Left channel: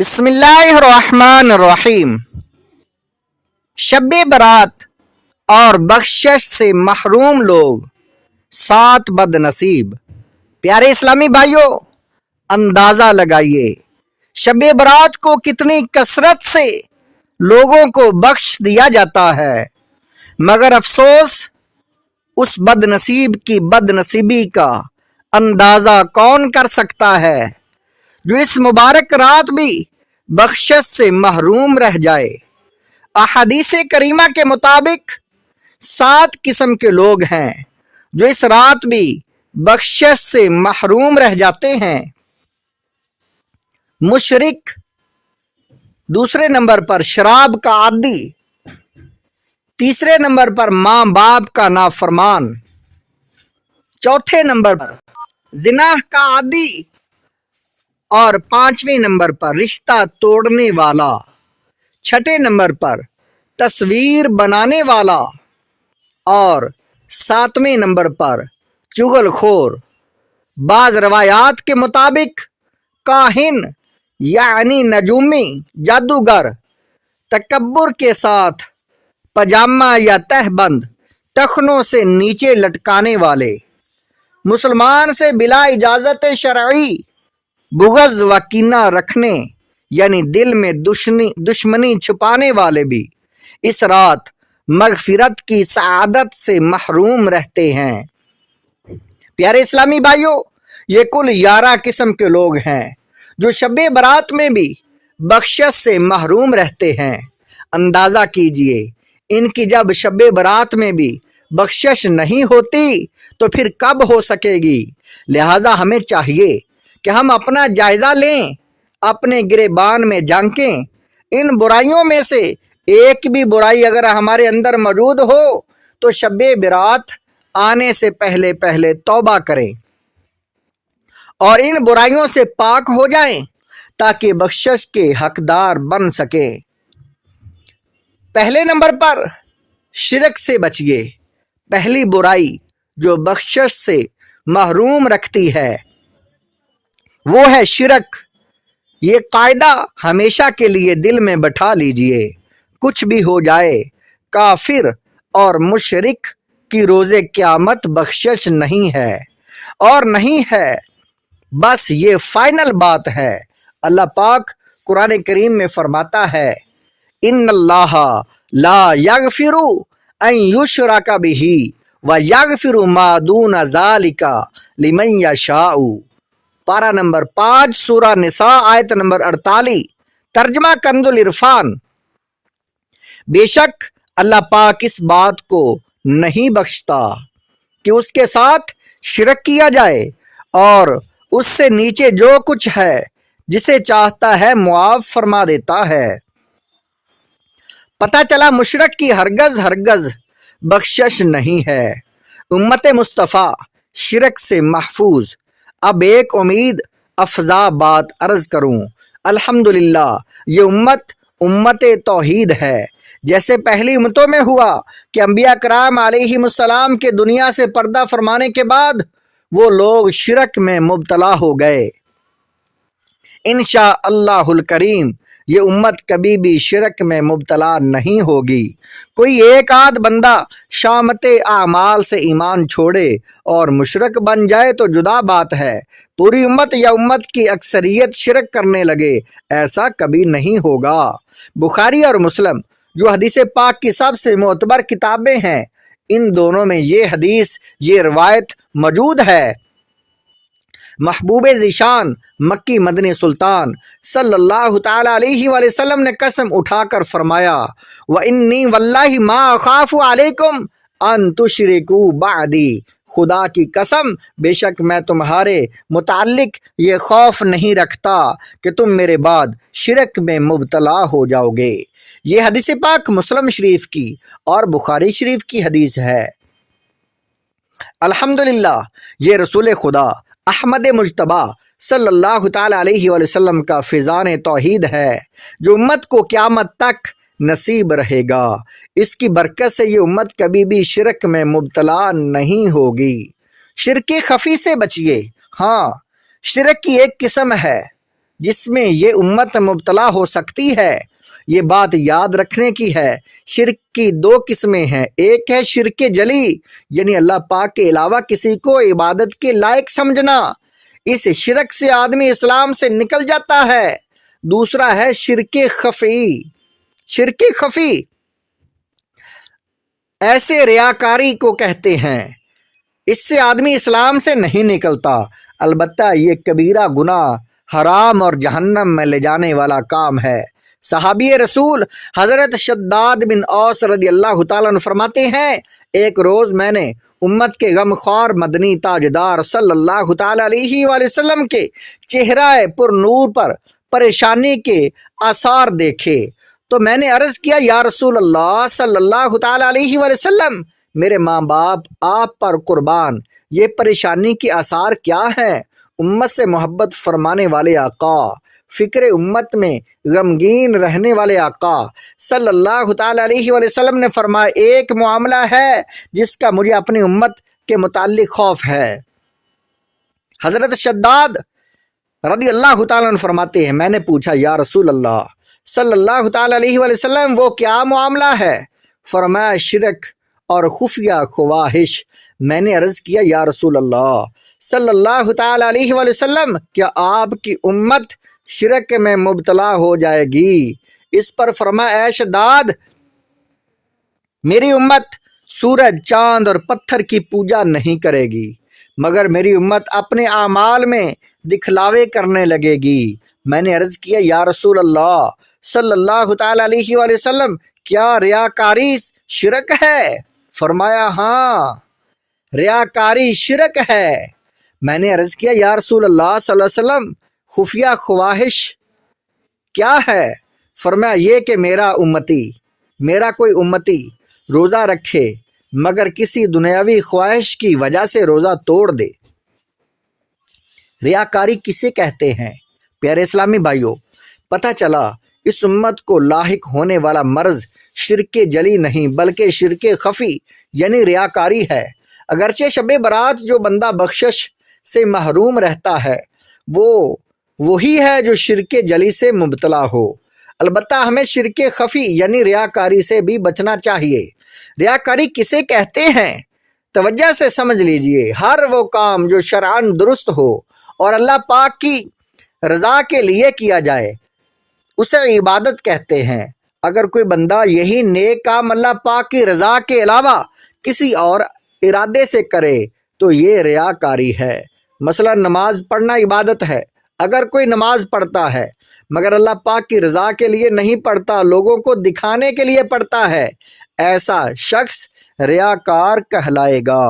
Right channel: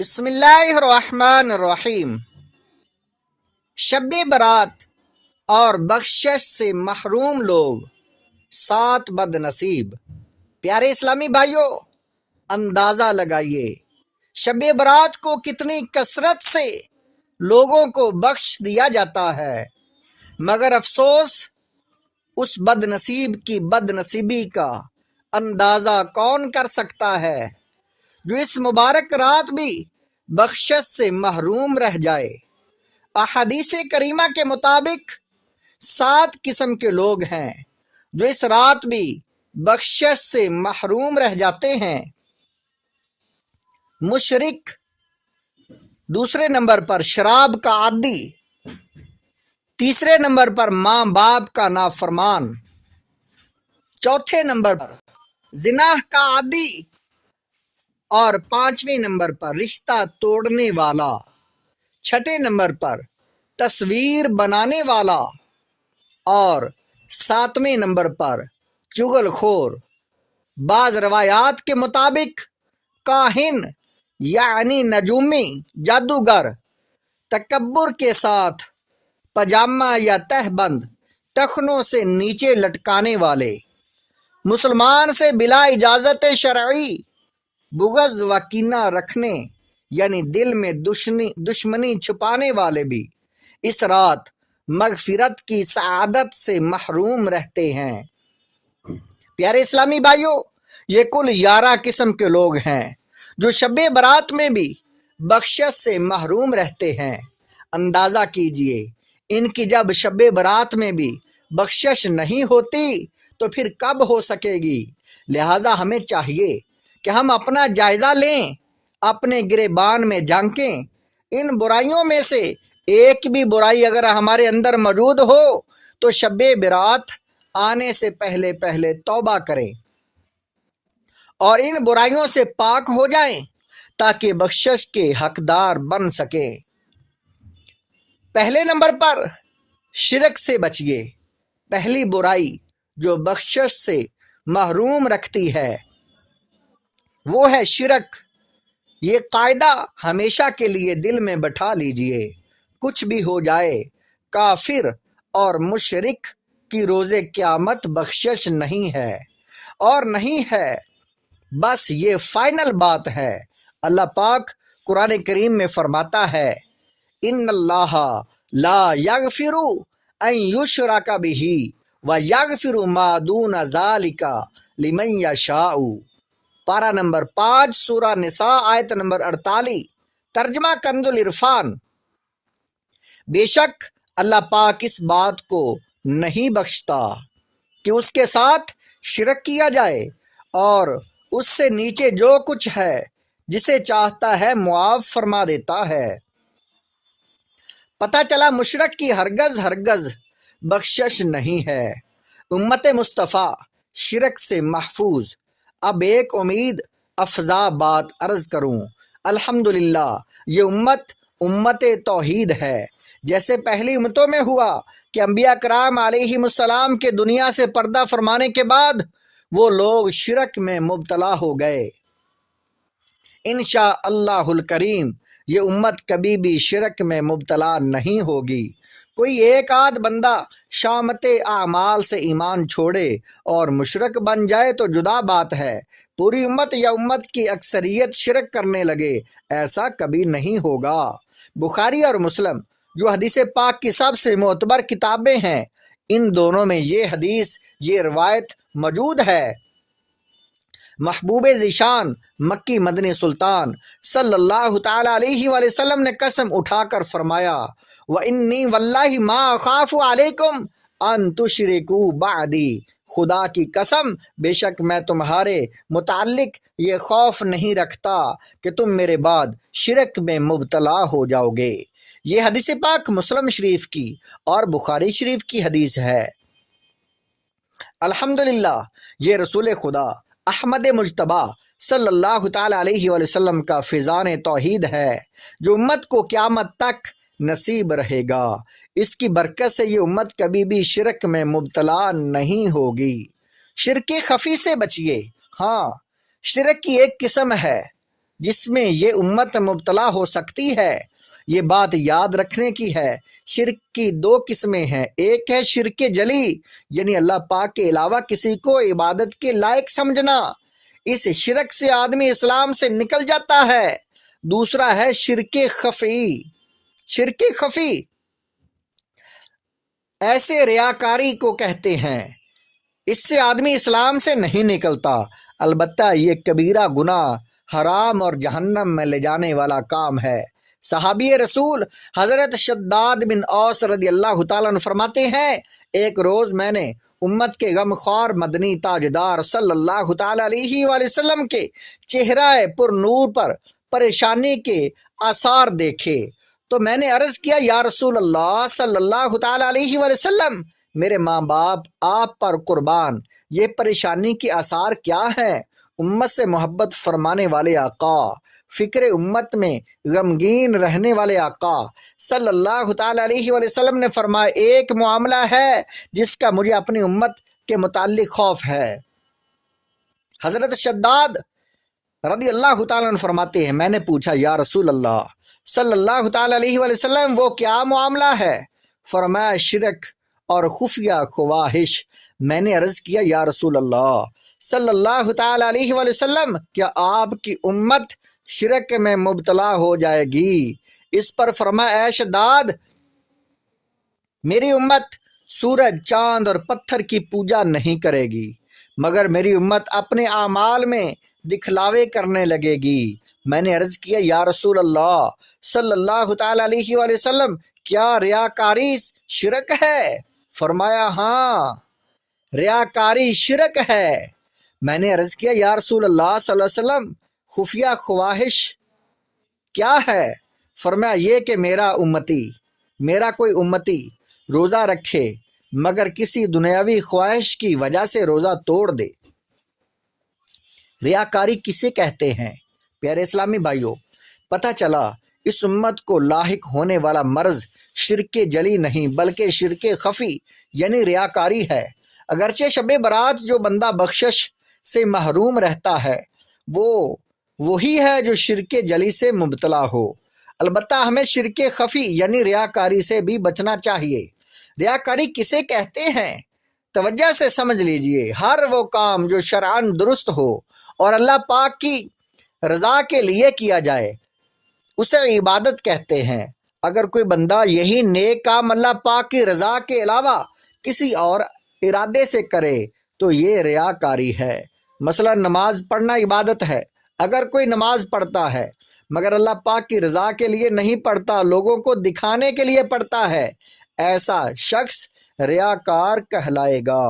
बिस्मिल्लाहिर्रहमानिर्रहीम। शब बरात और बख्शिश से महरूम लोग 7 बदनसीब। प्यारे इस्लामी भाइयों, अंदाजा लगाइए शब बरात को कितनी कसरत से लोगों को बख्श दिया जाता है, मगर अफसोस उस बदनसीब की बदनसीबी का अंदाजा कौन कर सकता है जो इस मुबारक रात भी बख्शिश से महरूम रह जाए। अहदीस करीमा के मुताबिक 7 किस्म के लोग हैं जो इस रात भी बख्शिश से महरूम रह जाते हैं। मुशरिक, दूसरे नंबर पर शराब का आदी, तीसरे नंबर पर माँ बाप का नाफरमान, चौथे नंबर पर जिनाह का आदी और 5वें नंबर पर रिश्ता तोड़ने वाला, छठे नंबर पर तस्वीर बनाने वाला और 7वें नंबर पर चुगलखोर। बाज रवायात के मुताबिक काहिन यानी नजूमी, जादूगर, तकब्बुर के साथ पजामा या तहबंद टखनों से नीचे लटकाने वाले, मुसलमान से बिला इजाजत शरई बुग़्ज़ व कीना रखने यानी दिल में दुश्मनी छुपाने वाले भी इस रात मगफिरत की सआदत से महरूम रहते हैं। प्यारे इस्लामी भाइयों, ये कुल 11 किस्म के लोग हैं जो शब बरात में भी बख्शिश से महरूम रहते हैं। अंदाज़ा कीजिए, इनकी जब शब बरात में भी बख्शिश नहीं होती तो फिर कब हो सकेगी। लिहाजा हमें चाहिए कि हम अपना जायज़ा लें, अपने गिरेबान में झांकें। इन बुराइयों में से एक भी बुराई अगर हमारे अंदर मौजूद हो तो शब बरात आने से पहले पहले तौबा करें और इन बुराइयों से पाक हो जाएं ताकि बख्शिश के हकदार बन सके। पहले नंबर पर शिरक से बचिए। पहली बुराई जो बख्शिश से महरूम रखती है वो है शिरक। ये कायदा हमेशा के लिए दिल में बैठा लीजिए, कुछ भी हो जाए, काफिर और मुशरिक की रोज़े क़यामत बख्शिश नहीं है और नहीं है। बस ये फाइनल बात है। अल्लाह पाक कुरान करीम में फरमाता है, इन्नल्लाह ला यगफिरु अन युशरका बिही व यगफिरु मा दून ज़ालिका लिमन यशाउ। पारा नंबर 5 सूरा निसा आयत नंबर 48। तर्जमा कंजुल इरफान। बेशक अल्लाह पाक इस बात को नहीं बख्शता कि उसके साथ शिरक किया जाए और उससे नीचे जो कुछ है जिसे चाहता है मुआफ फरमा देता है। पता चला मुशरक की हरगज बख्शिश नहीं है। उम्मत मुस्तफ़ा शिरक से महफूज। अब एक उम्मीद अफजा बात अर्ज करूं। अल्हम्दुलिल्लाह, ये उम्मत तौहीद है। जैसे पहली उम्मतों में हुआ कि अंबिया कराम अलैहिमुस्सलाम के दुनिया से पर्दा फरमाने के बाद वो लोग शिरक में मुब्तला हो गए। इंशा अल्लाहुल करीम ये उम्मत कभी भी शिरक में मुब्तला नहीं होगी। कोई एक आध बंदा शामते आमाल से ईमान छोड़े और मुशरक बन जाए तो जुदा बात है। पूरी उम्मत या उम्मत की अक्सरियत शिरक करने लगे, ऐसा कभी नहीं होगा। बुखारी और मुस्लिम जो हदीस पाक की सबसे मोतबर किताबें हैं, इन दोनों में ये हदीस, ये रवायत मौजूद है। महबूब ज़ीशान मक्की मदनी सुल्तान सल्लल्लाहु ताला अलैहि वसल्लम ने कसम उठाकर फरमाया, व इन्नी वल्लाहि मा अखाफु अलैकुम अन तुशरिकू बादी। खुदा की कसम, बेशक मैं तुम्हारे मुताल्लिक ये खौफ नहीं रखता कि तुम मेरे बाद शिरक में मुब्तला हो जाओगे। ये हदीस पाक मुस्लिम शरीफ की और बुखारी शरीफ की हदीस है। अल्हम्दुलिल्लाह, ये रसूल खुदा अहमद मुज्तबा सल्लल्लाहु ताला अलैहि वसल्लम का फिजान तौहीद है जो उम्मत को क़यामत तक नसीब रहेगा। इसकी बरकत से ये उम्मत कभी भी शिरक में मुब्तला नहीं होगी। शिरक खफी से बचिए। हाँ, शिरक की एक किस्म है جس میں یہ امت مبتلا ہو سکتی ہے۔ یہ بات یاد رکھنے کی ہے، شرک کی دو قسمیں ہیں۔ ایک ہے شرک جلی، یعنی اللہ پاک کے علاوہ کسی کو عبادت کے لائق سمجھنا، اس شرک سے آدمی اسلام سے نکل جاتا ہے۔ دوسرا ہے شرک خفی۔ شرک خفی ایسے ریاکاری کو کہتے ہیں، اس سے آدمی اسلام سے نہیں نکلتا، البتہ یہ کبیرہ گناہ، حرام اور جہنم میں لے جانے والا کام ہے۔ صحابی رسول حضرت شداد بن اوس رضی اللہ تعالیٰ عنہ فرماتے ہیں، ایک روز میں نے امت کے غم خوار مدنی تاجدار صلی اللہ تعالیٰ علیہ وآلہ وسلم کے چہرہ پر نور پر پریشانی کے آثار دیکھے، تو میں نے عرض کیا، یا رسول اللہ صلی اللہ تعالیٰ علیہ وآلہ وسلم، میرے ماں باپ آپ پر قربان، یہ پریشانی کے آثار کیا ہیں؟ امت سے محبت فرمانے والے آقا، فکر امت میں غمگین رہنے والے آقا صلی اللہ تعالیٰ علیہ وآلہ وسلم نے فرمایا، ایک معاملہ ہے جس کا مجھے اپنی امت کے متعلق خوف ہے۔ حضرت شداد رضی اللہ تعالیٰ عنہ فرماتے ہیں، میں نے پوچھا، یا رسول اللہ صلی اللہ تعالیٰ علیہ وآلہ وسلم، وہ کیا معاملہ ہے؟ فرمایا، شرک اور خفیہ خواہش۔ میں نے عرض کیا، یا رسول اللہ صلی اللہ تعالیٰ علیہ وآلہ وسلم، کیا آپ کی امت شرک میں مبتلا ہو جائے گی؟ اس پر فرمایا، اے شداد، میری امت سورج، چاند اور پتھر کی پوجا نہیں کرے گی، مگر میری امت اپنے اعمال میں دکھلاوے کرنے لگے گی۔ میں نے عرض کیا، یا رسول اللہ صلی اللہ تعالیٰ علیہ وآلہ وسلم، کیا ریاکاری شرک ہے؟ فرمایا، ہاں، ریاکاری شرک ہے۔ میں نے عرض کیا، یا رسول اللہ صلی اللہ علیہ وسلم، خفیہ خواہش کیا ہے؟ فرمایا، یہ کہ میرا کوئی امتی روزہ رکھے مگر کسی دنیاوی خواہش کی وجہ سے روزہ توڑ دے۔ ریاکاری کسے کہتے ہیں؟ پیارے اسلامی بھائیوں، پتہ چلا اس امت کو لاحق ہونے والا مرض شرک جلی نہیں بلکہ شرک خفی یعنی ریاکاری ہے۔ اگرچہ شب برات جو بندہ بخشش سے محروم رہتا ہے وہ وہی ہے جو شرک جلی سے مبتلا ہو، البتہ ہمیں شرک خفی یعنی ریاکاری سے بھی بچنا چاہیے۔ ریاکاری کسے کہتے ہیں؟ توجہ سے سمجھ لیجئے، ہر وہ کام جو شرعاً درست ہو اور اللہ پاک کی رضا کے لیے کیا جائے اسے عبادت کہتے ہیں۔ اگر کوئی بندہ یہی نیک کام اللہ پاک کی رضا کے علاوہ کسی اور ارادے سے کرے تو یہ ریاکاری ہے۔ مثلا نماز پڑھنا عبادت ہے، اگر کوئی نماز پڑھتا ہے مگر اللہ پاک کی رضا کے لیے نہیں پڑھتا، لوگوں کو دکھانے کے لیے پڑھتا ہے، ایسا شخص ریاکار کہلائے گا۔